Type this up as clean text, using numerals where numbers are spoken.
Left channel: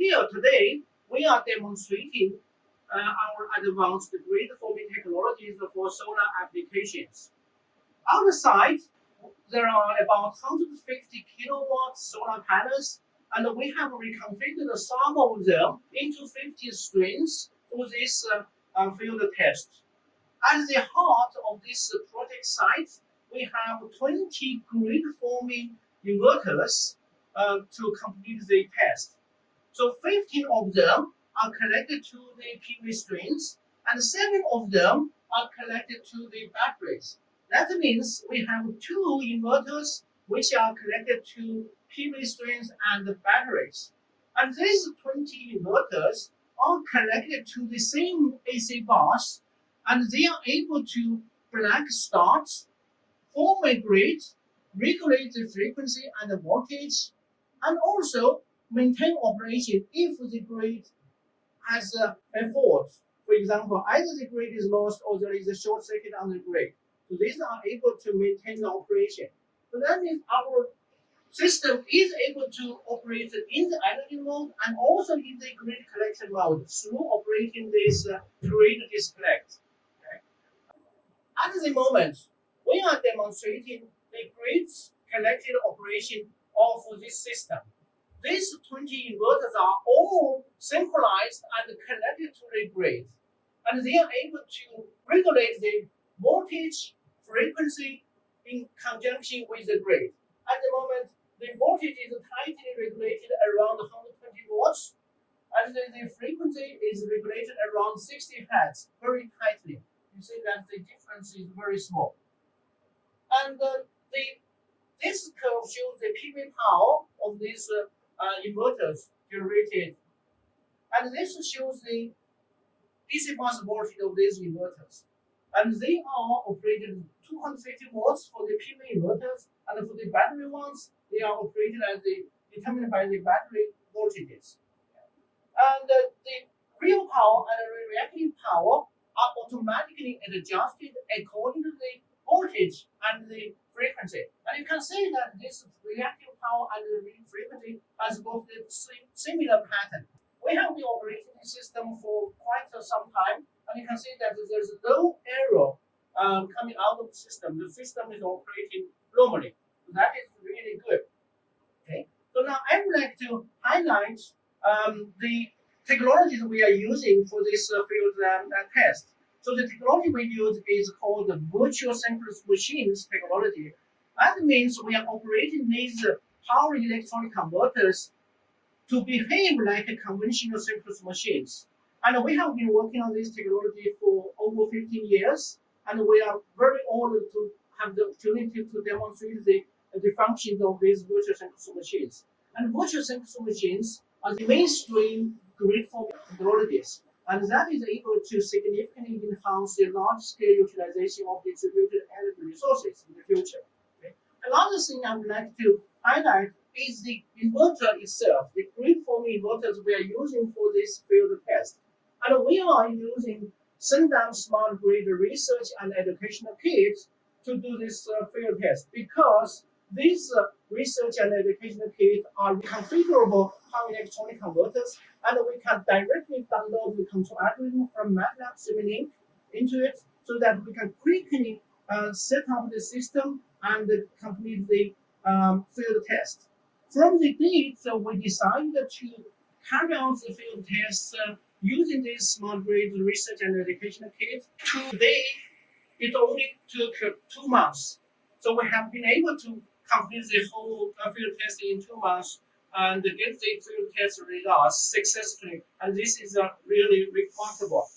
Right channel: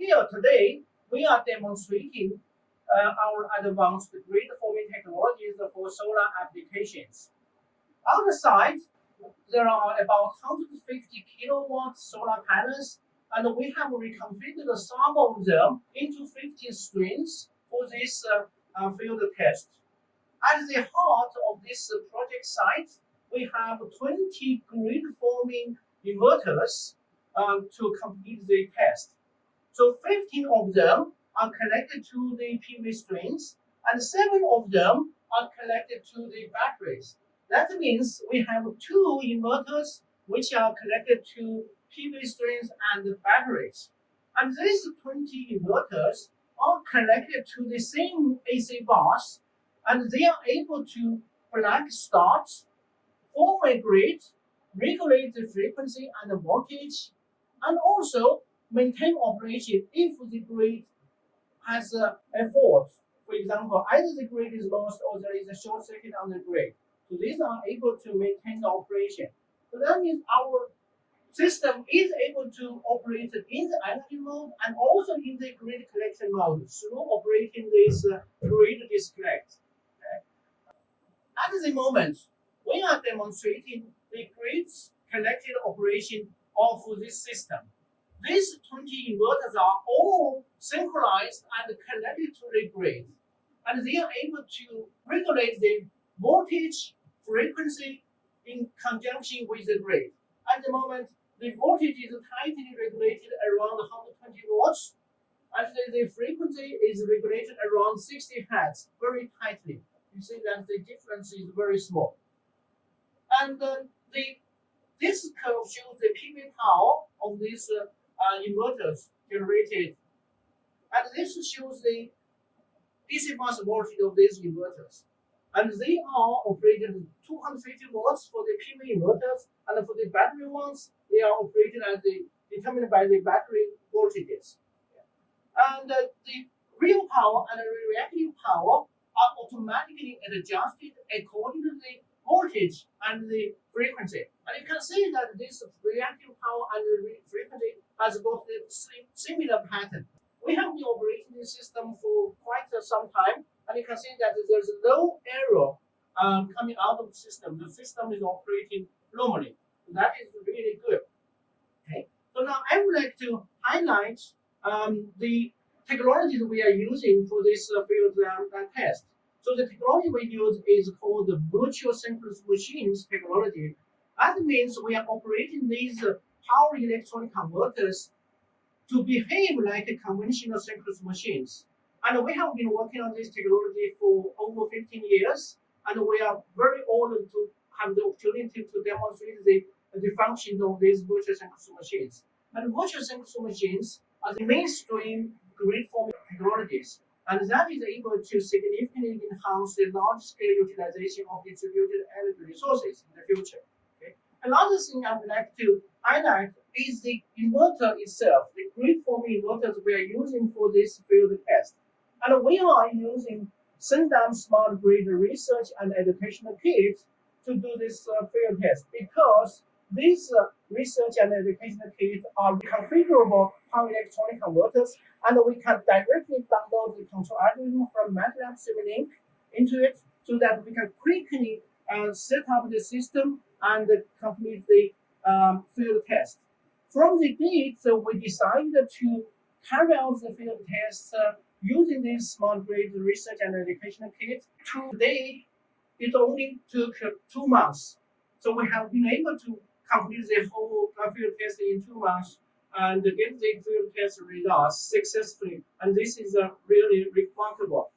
here today, we are demonstrating our advanced grid forming technologies for solar applications. On the side, there are about 150 kilowatt solar panels, and we have reconfigured some of them into 50 strings for this field test. At the heart of this project site, we have 20 grid forming inverters to complete the test. So 15 of them are connected to the PV strings, and 7 of them are connected to the batteries. That means we have 2 inverters which are connected to PV strings and the batteries. And these 20 inverters are connected to the same AC bus, and they are able to black start, form a grid, regulate the frequency and the voltage, and also maintain operation if the grid has a fault. For example, either the grid is lost or there is a short circuit on the grid. So these are able to maintain the operation. So that means our system is able to operate in the energy mode and also in the grid collection mode through operating this grid disconnect. Okay. At the moment, we are demonstrating the grid connected operation of this system. These 20 inverters are all synchronized and connected to the grid, and they are able to regulate the voltage, frequency in conjunction with the grid. At the moment, the voltage is tightly regulated around 120 watts, and the frequency is regulated around 60 hertz, very tightly. You see that the difference is very small. And this curve shows the PV power of these inverters generated, and this shows the DC bus voltage of these inverters. And they are operated 250 watts for the PV inverters, and for the battery ones, they are operated as determined by the battery voltages. And the real power and the reactive power are automatically adjusted according to the voltage and the frequency. And you can see that this reactive power and the frequency has got the similar pattern. We have been operating this system for quite some time, and you can see that there's no error coming out of the system. The system is operating normally. That is really good. Okay. So now I would like to highlight the technologies we are using for this field test. So the technology we use is called the virtual synchronous machines technology. That means we are operating these power electronic converters to behave like a conventional synchronous machines. And we have been working on this technology for over 15 years, and we are very honored to have the opportunity to demonstrate the functions of these virtual synchronous machines. And virtual synchronous machines are the mainstream grid forming technologies, and that is able to significantly enhance the large-scale utilization of distributed energy resources in the future. Okay? Another thing I would like to highlight is the inverter itself, the grid-forming inverters we are using for this field test. And we are using Syndem Smart Grid Research and Educational Kits to do this field test, because these research and educational kits are configurable power electronic converters, and we can directly download the control algorithm from MATLAB Simulink into it, so that we can quickly set up the system and complete the field test. From the gate, we decided to carry out the field test using this smart grid research and educational kit. Today, it only took 2 months. So we have been able to complete the whole field test in 2 months and get the field test results successfully. And this is really remarkable.